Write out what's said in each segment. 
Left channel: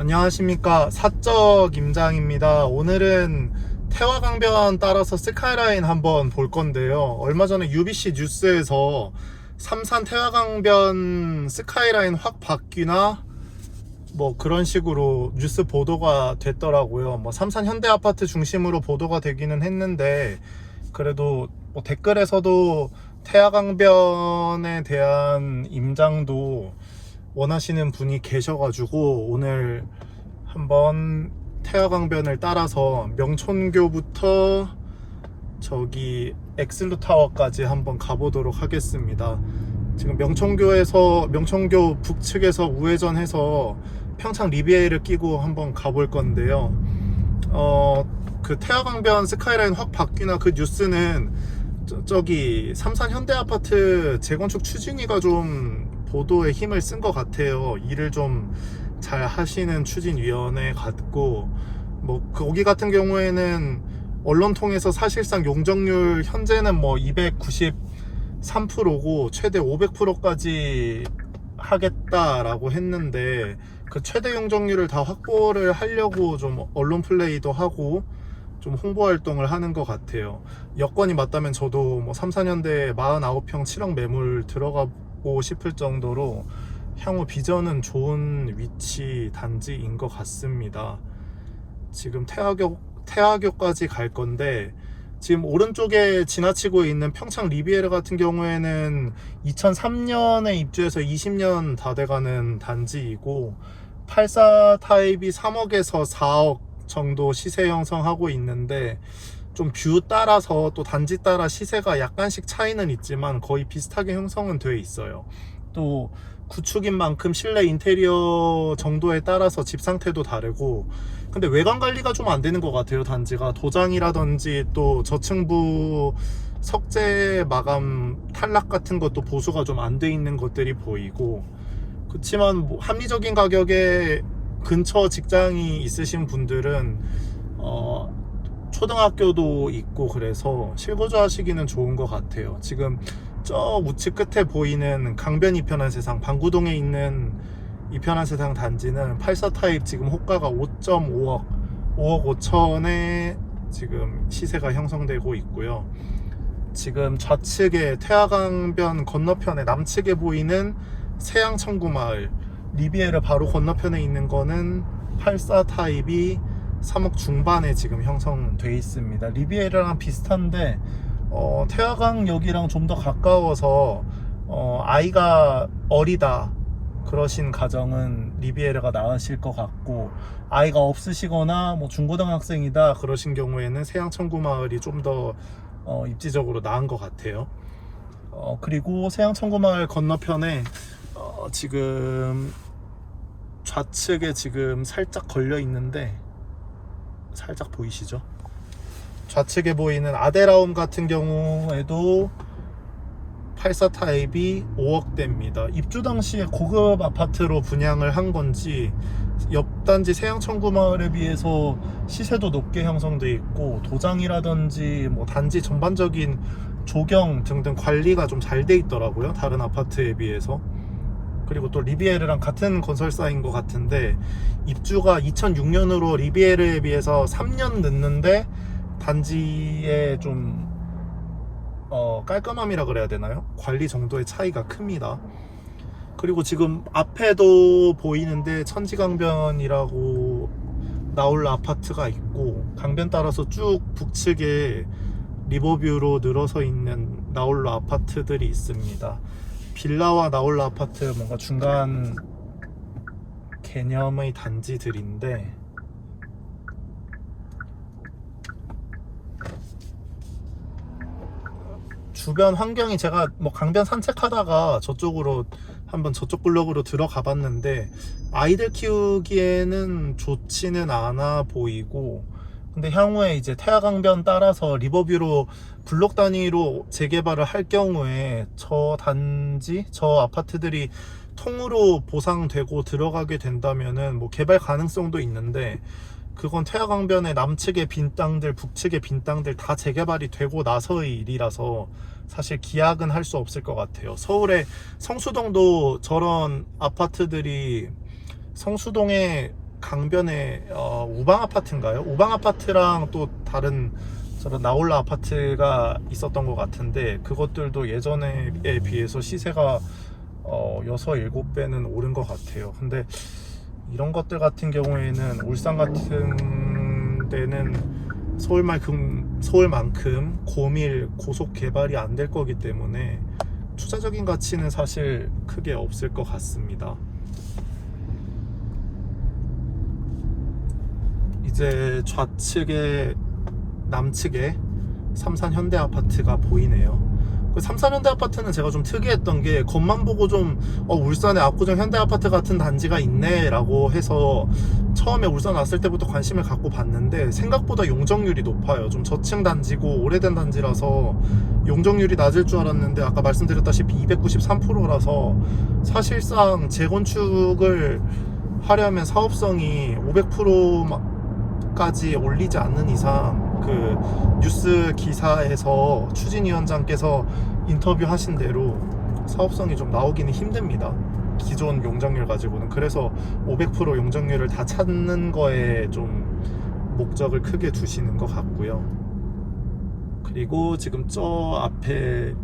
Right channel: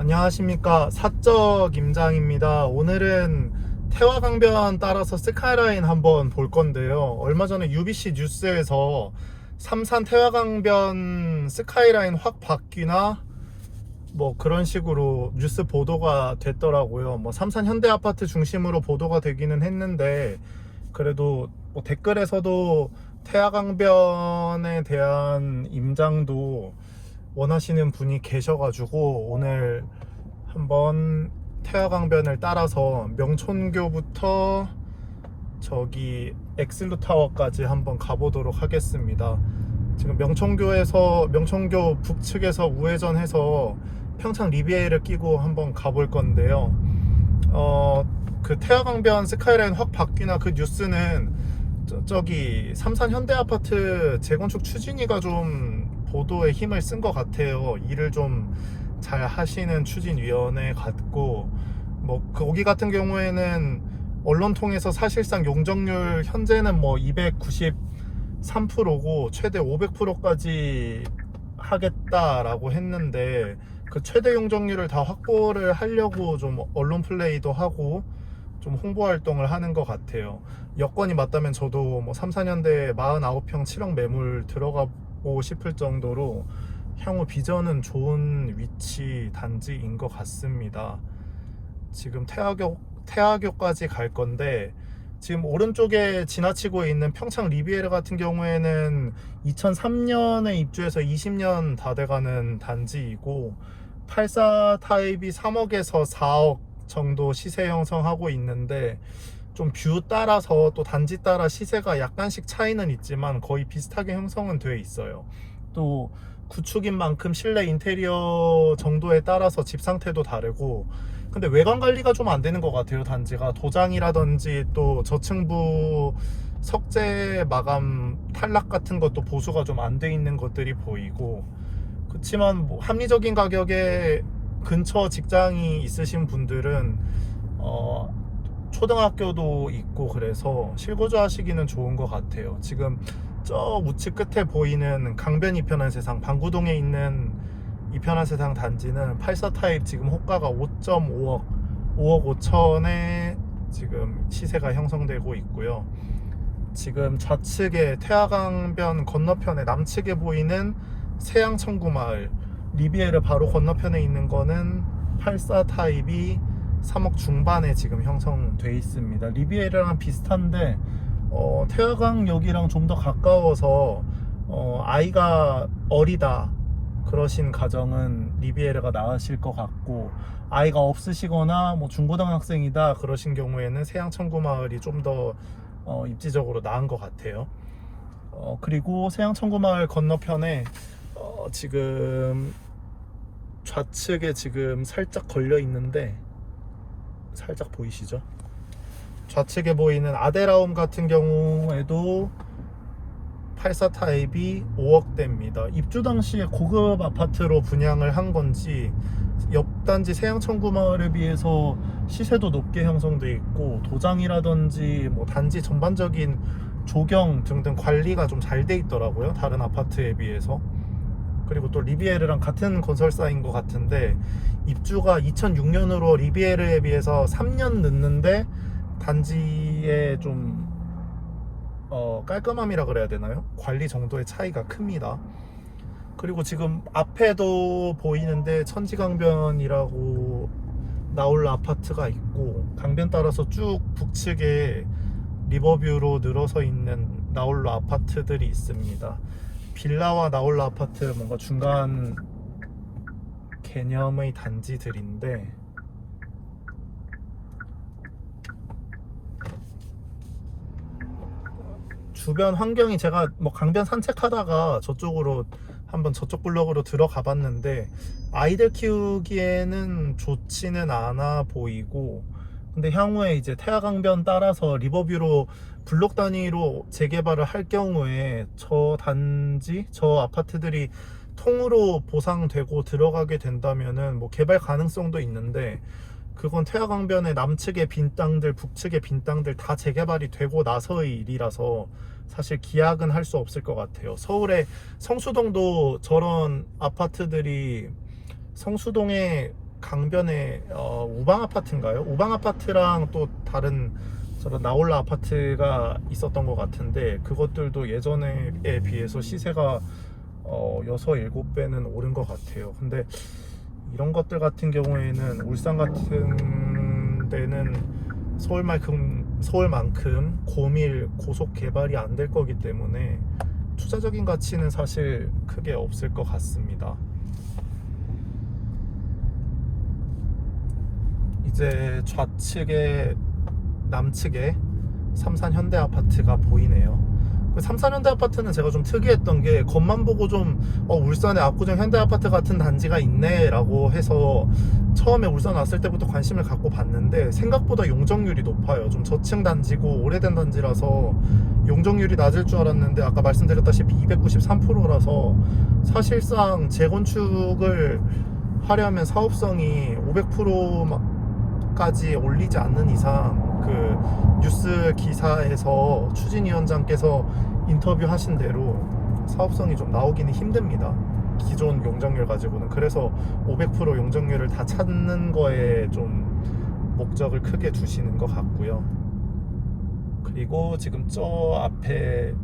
안녕하십니까, 사적 임장입니다. 오늘은 태화강변 따라서 스카이라인 한번 볼 건데요. 얼마 전에 UBC 뉴스에서 삼산 태화강변 스카이라인 확 바뀌나 뭐 그런 식으로 뉴스 보도가 됐더라고요. 뭐 삼산 현대아파트 중심으로 보도가 되기는 했는데, 그래도 뭐 댓글에서도 태화강변에 대한 임장도 원하시는 분이 계셔가지고 오늘 한번 태화강변을 따라서 명촌교부터 저기 엑슬루타워까지 한번 가보도록 하겠습니다. 지금 명촌교 북측에서 우회전해서 평창 리비에이를 끼고 한번 가볼 건데요. 그 태화강변 스카이라인 확 바뀌나 그 뉴스는 저기 삼산 현대아파트 재건축 추진위가 좀 보도에 힘을 쓴 것 같아요. 일을 좀 잘 하시는 추진위원회 같고, 뭐 거기 같은 경우에는 언론 통해서 사실상 용적률 현재는 뭐 293%고 최대 500%까지 하겠다라고 했는데, 그 최대 용적률을 다 확보를 하려고 좀 언론 플레이도 하고 좀 홍보 활동을 하는 것 같아요. 여건이 맞다면 저도 뭐 삼산현대 49평 7억 매물 들어가고 싶을 정도로 향후 비전은 좋은 위치 단지인 것 같습니다. 지금 태화교까지 갈 건데, 지금 오른쪽에 지나치고 있는 평창 리비에르 같은 경우에는 2003년에 입주해서 20년 다 돼가는 단지이고, 84 타입이 3억에서 4억 정도 시세 형성하고 있는데, 좀 뷰 따라서 또 단지 따라 시세가 약간씩 차이는 있지만 거의 비슷하게 형성은 되어 있어요. 또 구축인 만큼 실내 인테리어 정도에 따라서 집 상태도 다르고, 근데 외관 관리가 좀 안 되는 것 같아요. 단지가 도장이라든지 또 저층부 석재 마감 탈락 같은 것도 보수가 좀 안 돼 있는 것들이 보이고, 그렇지만 뭐 합리적인 가격에 근처 직장이 있으신 분들은 초등학교도 있고 그래서 실거주 하시기는 좋은 것 같아요. 지금 저 우측 끝에 보이는 강변 이편한 세상, 방구동에 있는 이편한 세상 단지는 84 타입 지금 호가가 5.5억 5천에 지금 시세가 형성되고 있고요. 지금 좌측에 태화강변 건너편에 남측에 보이는 세양청구마을 리비에르 바로 건너편에 있는 거는 84 타입이 3억 중반에 지금 형성돼 있습니다. 리비에르랑 비슷한데 태화강역이랑 좀 더 가까워서 아이가 어리다 그러신 가정은 리비에르가 나으실 것 같고, 아이가 없으시거나 뭐 중고등학생이다 그러신 경우에는 세양청구마을이 좀 더 입지적으로 나은 것 같아요. 그리고 세양청구마을 건너편에 지금 좌측에 지금 살짝 걸려 있는데, 살짝 보이시죠? 좌측에 보이는 아데라움 같은 경우에도 84 타입이 5억대입니다. 입주 당시에 고급 아파트로 분양을 한 건지 옆 단지 세양청구마을에 비해서 시세도 높게 형성돼 있고, 도장이라든지 뭐 단지 전반적인 조경 등등 관리가 좀 잘 돼 있더라고요, 다른 아파트에 비해서. 그리고 또 리비에르랑 같은 건설사인 것 같은데, 입주가 2006년으로 리비에르에 비해서 3년 늦는데 단지의 좀 깔끔함이라 그래야 되나요? 관리 정도의 차이가 큽니다. 그리고 지금 앞에도 보이는데 천지강변이라고 나올라 아파트가 있고, 강변 따라서 쭉 북측에 리버뷰로 늘어서 있는 나올라 아파트들이 있습니다. 빌라와 나올라 아파트 뭔가 중간 개념의 단지들인데, 주변 환경이, 제가 뭐 강변 산책하다가 저쪽으로 한번 저쪽 블럭으로 들어가 봤는데 아이들 키우기에는 좋지는 않아 보이고, 근데 향후에 이제 태화강변 따라서 리버뷰로 블록 단위로 재개발을 할 경우에 저 단지, 저 아파트들이 통으로 보상되고 들어가게 된다면은 뭐 개발 가능성도 있는데, 그건 태화강변의 남측의 빈 땅들, 북측의 빈 땅들 다 재개발이 되고 나서의 일이라서 사실 기약은 할 수 없을 것 같아요. 서울의 성수동도 저런 아파트들이, 성수동에 강변에 우방 아파트인가요? 우방 아파트랑 또 다른 저런 나홀라 아파트가 있었던 것 같은데, 그것들도 예전에 비해서 시세가 6, 7배는 오른 것 같아요. 근데 이런 것들 같은 경우에는 울산 같은 데는 서울만큼 고밀 고속 개발이 안 될 거기 때문에 투자적인 가치는 사실 크게 없을 것 같습니다. 이제 좌측에 남측에 삼산 현대 아파트가 보이네요. 그 삼산 현대 아파트는 제가 좀 특이했던 게, 겉만 보고 좀 울산에 압구정 현대 아파트 같은 단지가 있네 라고 해서 처음에 울산 왔을 때부터 관심을 갖고 봤는데, 생각보다 용적률이 높아요. 좀 저층 단지고 오래된 단지라서 용적률이 낮을 줄 알았는데, 아까 말씀드렸다시피 293%라서 사실상 재건축을 하려면 사업성이 500%까지 올리지 않는 이상, 그 뉴스 기사에서 추진위원장께서 인터뷰하신 대로 사업성이 좀 나오기는 힘듭니다. 기존 용적률 가지고는. 그래서 500% 용적률을 다 찾는 거에 좀 목적을 크게 두시는 것 같고요. 그리고 지금 저 앞에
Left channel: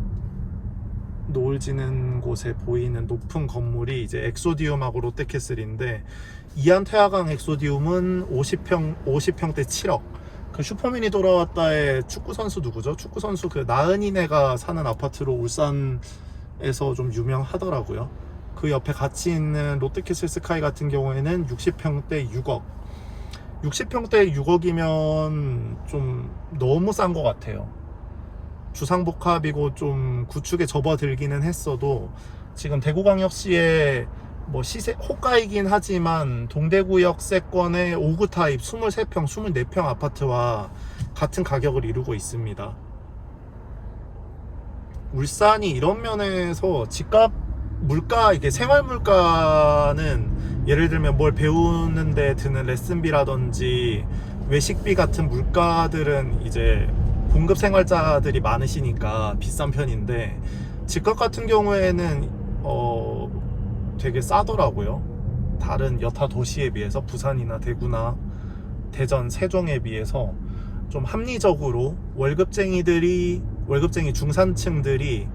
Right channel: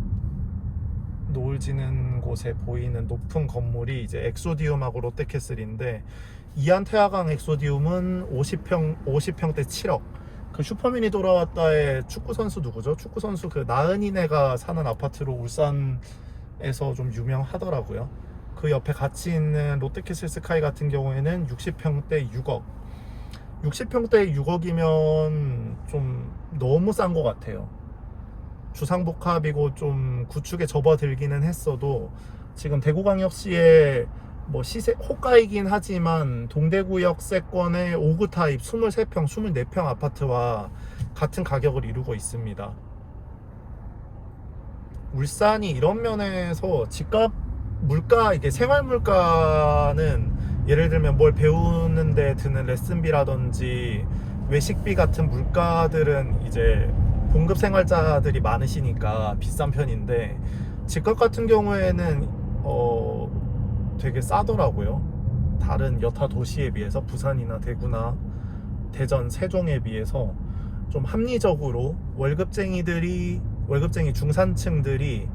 노을 지는 곳에 보이는 높은 건물이 이제 엑소디움하고 롯데캐슬인데, 이안태화강 엑소디움은 50평대 7억. 그 슈퍼맨이 돌아왔다의 축구선수 누구죠? 축구선수 그 나은이네가 사는 아파트로 울산에서 좀 유명하더라고요. 그 옆에 같이 있는 롯데캐슬 스카이 같은 경우에는 60평대 6억. 60평대 6억이면 좀 너무 싼 것 같아요. 주상복합이고 좀 구축에 접어들기는 했어도, 지금 대구광역시에 뭐 시세 호가이긴 하지만 동대구역 세권의 5구 타입 23평, 24평 아파트와 같은 가격을 이루고 있습니다. 울산이 이런 면에서 집값, 물가, 이게 생활 물가는 예를 들면 뭘 배우는데 드는 레슨비라든지 외식비 같은 물가들은 이제 공급 생활자들이 많으시니까 비싼 편인데, 집값 같은 경우에는 되게 싸더라고요. 다른 여타 도시에 비해서, 부산이나 대구나 대전, 세종에 비해서 좀 합리적으로 월급쟁이 중산층들이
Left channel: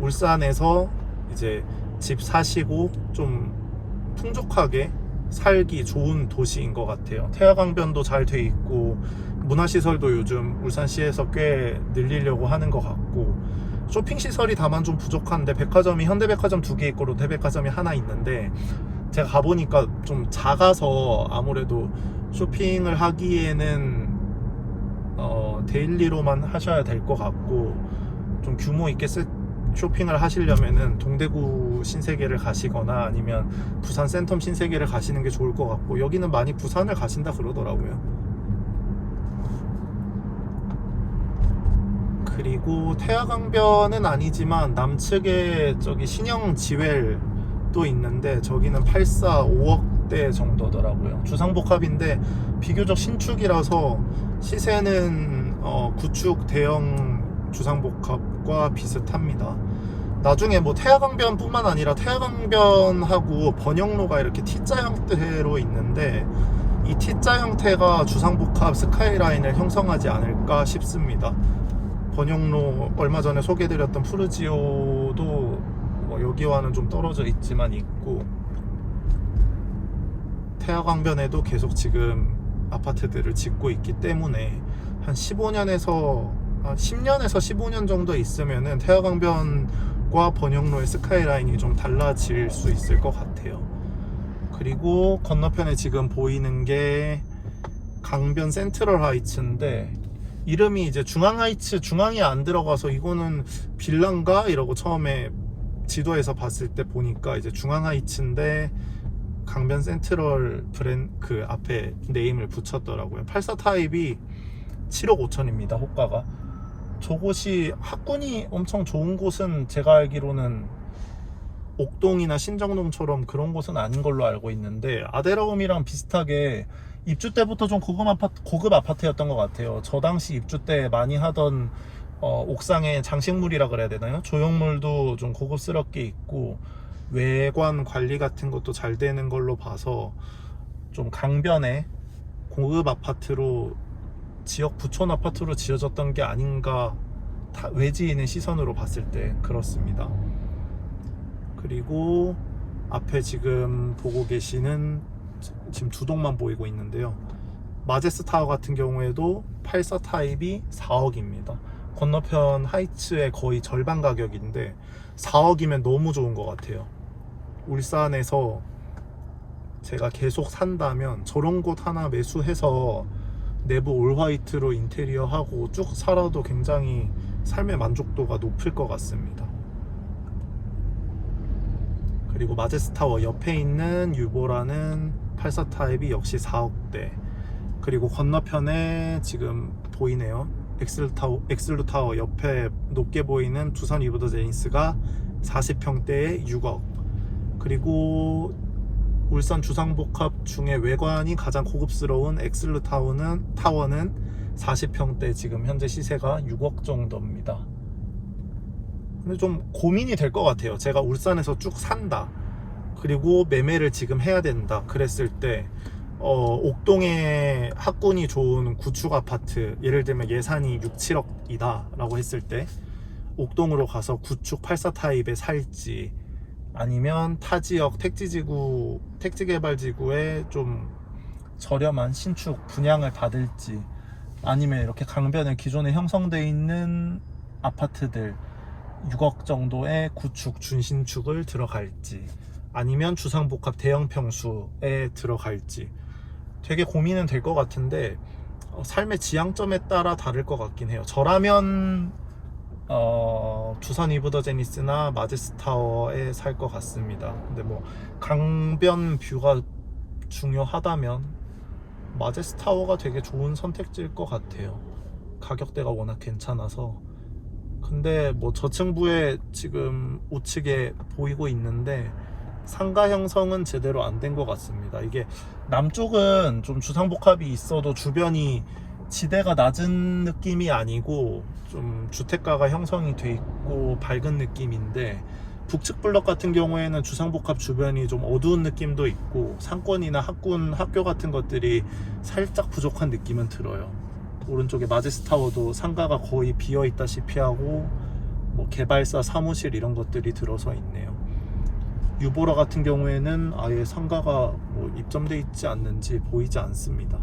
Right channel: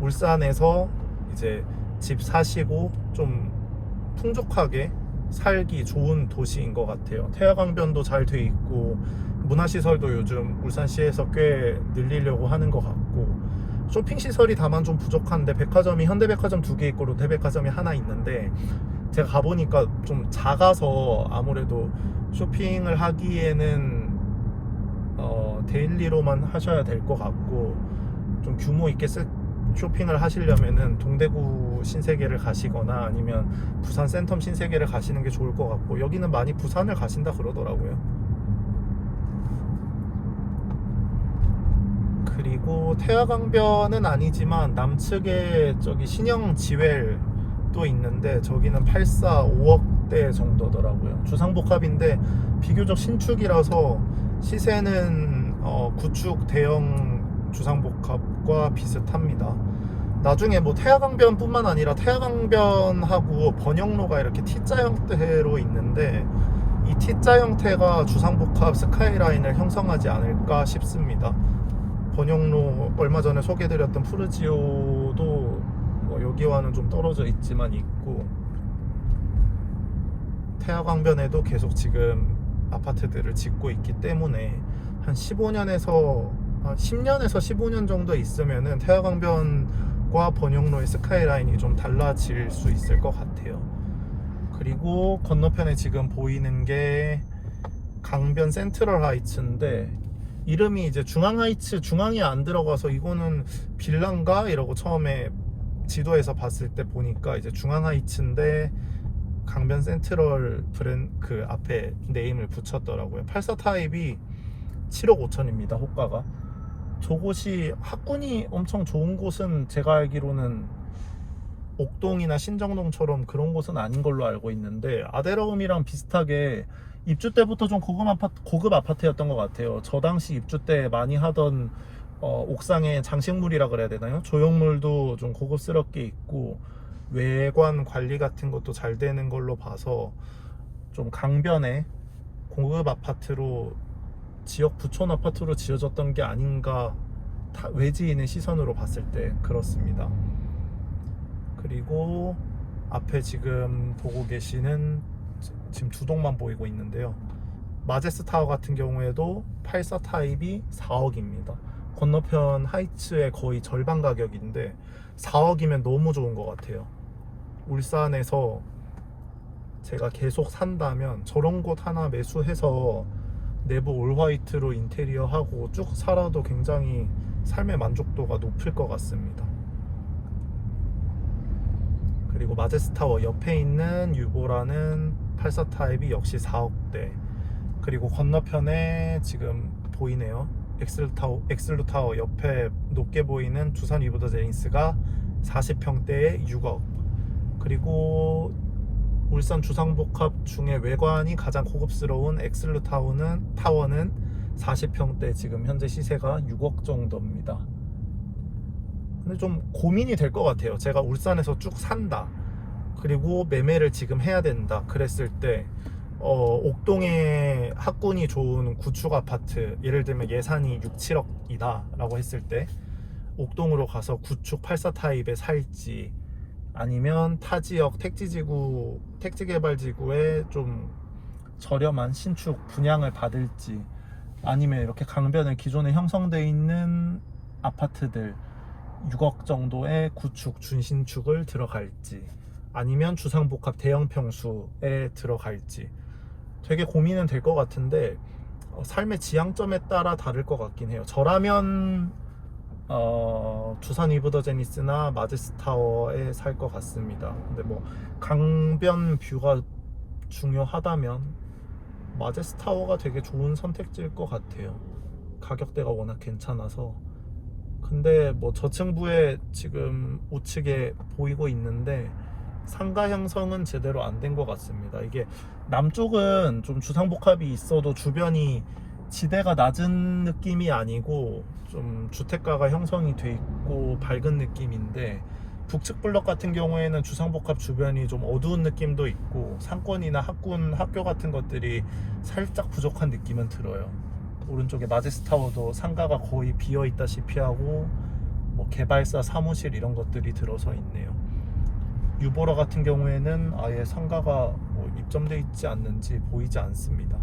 울산에서 이제 집 사시고 좀 풍족하게 살기 좋은 도시인 것 같아요. 태화강변도 잘 돼 있고, 문화시설도 요즘 울산시에서 꽤 늘리려고 하는 것 같고, 쇼핑시설이 다만 좀 부족한데, 백화점이 현대백화점 2개 있고 롯데백화점이 하나 있는데, 제가 가보니까 좀 작아서 아무래도 쇼핑을 하기에는 데일리로만 하셔야 될 것 같고, 좀 규모 있게 쇼핑을 하시려면은 동대구 신세계를 가시거나 아니면 부산 센텀 신세계를 가시는 게 좋을 것 같고, 여기는 많이 부산을 가신다 그러더라고요. 그리고 태화강변은 아니지만 남측에 저기 신형 지웰도 있는데, 저기는 84, 5억대 정도더라고요. 주상복합인데 비교적 신축이라서 시세는 구축 대형 주상복합과 비슷합니다. 나중에 뭐 태화강변 뿐만 아니라 태화강변하고 번영로가 이렇게 T자 형태로 있는데, 이 T자 형태가 주상복합 스카이라인을 형성하지 않을까 싶습니다. 번영로 얼마 전에 소개해드렸던 푸르지오도 뭐 여기와는 좀 떨어져 있지만 있고, 태화강변에도 계속 지금 아파트들을 짓고 있기 때문에 한 10년에서 15년 정도 있으면은 태화강변과 번영로의 스카이라인이 좀 달라질 수 있을 것 같아요. 그리고 건너편에 지금 보이는 게 강변 센트럴 하이츠인데, 이름이 이제 중앙하이츠, 중앙이 안 들어가서 이거는 빌라인가 이러고 처음에 지도에서 봤을 때 보니까 이제 중앙하이츠인데 강변 센트럴 그 앞에 네임을 붙였더라고요. 84 타입이 7억 5천입니다. 호가가. 저곳이 학군이 엄청 좋은 곳은 제가 알기로는 옥동이나 신정동처럼 그런 곳은 아닌 걸로 알고 있는데, 아데라움이랑 비슷하게 입주 때부터 좀 고급 아파트였던 것 같아요. 저 당시 입주 때 많이 하던 옥상에 장식물이라 그래야 되나요? 조형물도 좀 고급스럽게 있고, 외관 관리 같은 것도 잘 되는 걸로 봐서 좀 강변에 고급 아파트로 지역 부촌 아파트로 지어졌던 게 아닌가, 외지인의 시선으로 봤을 때 그렇습니다. 그리고 앞에 지금 보고 계시는 지금 두 동만 보이고 있는데요. 마제스 타워 같은 경우에도 84 타입이 4억입니다. 건너편 하이츠의 거의 절반 가격인데 4억이면 너무 좋은 것 같아요. 울산에서 제가 계속 산다면 저런 곳 하나 매수해서 내부 올 화이트로 인테리어 하고 쭉 살아도 굉장히 삶의 만족도가 높을 것 같습니다. 그리고 마제스 타워 옆에 있는 유보라는 84 타입이 역시 4억대. 그리고 건너편에 지금 보이네요. 엑슬루 타워 옆에 높게 보이는 두산 위브더 제니스가 40평대에 6억. 그리고 울산 주상복합 중에 외관이 가장 고급스러운 엑슬루 타워는 40평대 지금 현재 시세가 6억 정도입니다. 근데 좀 고민이 될 것 같아요. 제가 울산에서 쭉 산다, 그리고 매매를 지금 해야 된다 그랬을 때 옥동에 학군이 좋은 구축 아파트, 예를 들면 예산이 6, 7억이다 라고 했을 때 옥동으로 가서 구축 84 타입에 살지, 아니면 타 지역 택지개발지구에 좀 저렴한 신축 분양을 받을지, 아니면 이렇게 강변에 기존에 형성되어 있는 아파트들 6억 정도의 구축 준신축을 들어갈지, 아니면 주상복합 대형 평수에 들어갈지 되게 고민은 될 것 같은데 삶의 지향점에 따라 다를 것 같긴 해요. 저라면 두산 위브더 제니스나 마제스 타워에 살 것 같습니다. 근데 뭐 강변 뷰가 중요하다면 마제스 타워가 되게 좋은 선택지일 것 같아요. 가격대가 워낙 괜찮아서. 근데 뭐 저층부에 지금 우측에 보이고 있는데 상가 형성은 제대로 안 된 것 같습니다. 이게 남쪽은 좀 주상복합이 있어도 주변이 지대가 낮은 느낌이 아니고 좀 주택가가 형성이 돼 있고 밝은 느낌인데, 북측 블럭 같은 경우에는 주상복합 주변이 좀 어두운 느낌도 있고 상권이나 학군, 학교 같은 것들이 살짝 부족한 느낌은 들어요. 오른쪽에 마제스 타워도 상가가 거의 비어 있다시피 하고 뭐 개발사 사무실 이런 것들이 들어서 있네요. 유보라 같은 경우에는 아예 상가가 뭐 입점돼 있지 않는지 보이지 않습니다.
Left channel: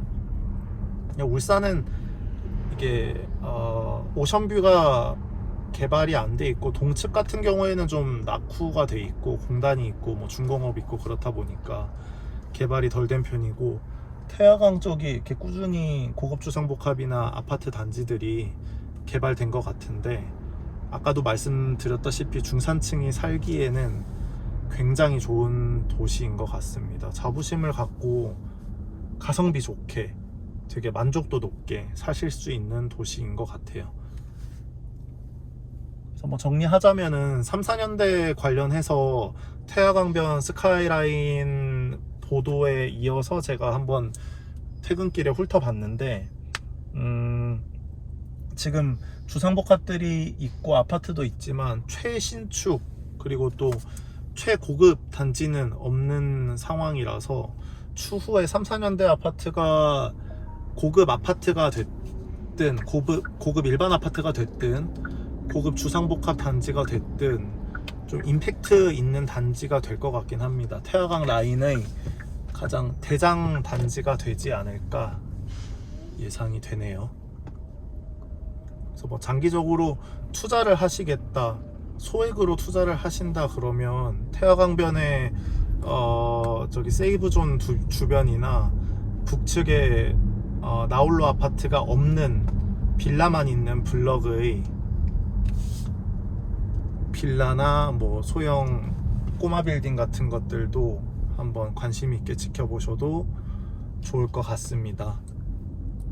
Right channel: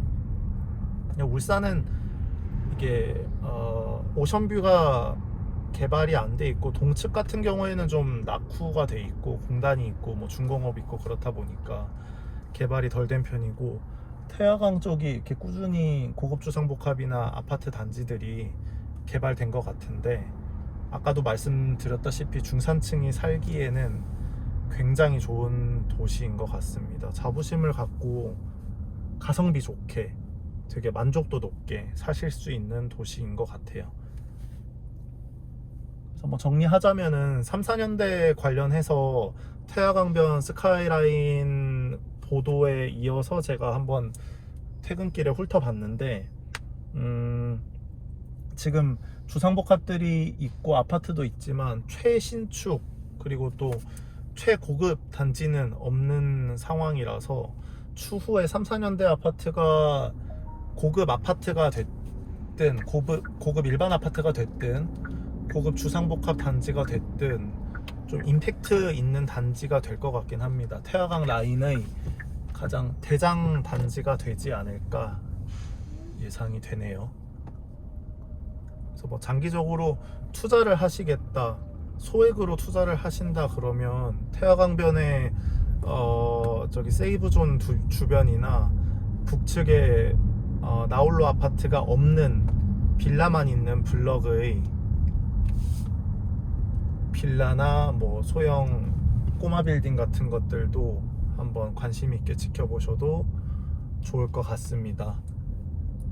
울산은 이게 오션뷰가 개발이 안 돼 있고, 동측 같은 경우에는 좀 낙후가 돼 있고 공단이 있고 뭐 중공업 있고 그렇다 보니까 개발이 덜 된 편이고, 태화강 쪽이 이렇게 꾸준히 고급 주상복합이나 아파트 단지들이 개발된 것 같은데, 아까도 말씀드렸다시피 중산층이 살기에는 굉장히 좋은 도시인 것 같습니다. 자부심을 갖고 가성비 좋게 되게 만족도 높게 사실 수 있는 도시인 것 같아요. 그래서 뭐 정리하자면은 3, 4년대 관련해서 태화강변 스카이라인 보도에 이어서 제가 한번 퇴근길에 훑어봤는데 지금 주상복합들이 있고 아파트도 있지만 최신축 그리고 또 최고급 단지는 없는 상황이라서 추후에 3, 4년대 아파트가 고급 아파트가 됐든 고급 일반 아파트가 됐든 고급 주상복합 단지가 됐든 좀 임팩트 있는 단지가 될 것 같긴 합니다. 태화강 라인의 가장 대장 단지가 되지 않을까 예상이 되네요. 그래서 뭐 장기적으로 투자를 하시겠다, 소액으로 투자를 하신다 그러면 태화강변의 저기 세이브존 주변이나 북측에 나홀로 아파트가 없는 빌라만 있는 블럭의 빌라나 뭐 소형 꼬마 빌딩 같은 것들도 한번 관심 있게 지켜보셔도 좋을 것 같습니다.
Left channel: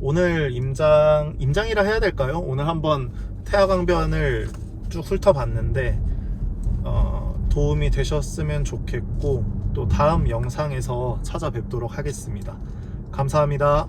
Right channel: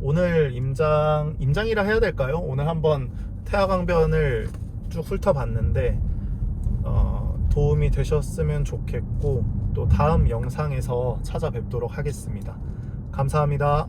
오늘 임장이라 해야 될까요? 오늘 한번 태화강변을 쭉 훑어봤는데 도움이 되셨으면 좋겠고, 또 다음 영상에서 찾아뵙도록 하겠습니다. 감사합니다.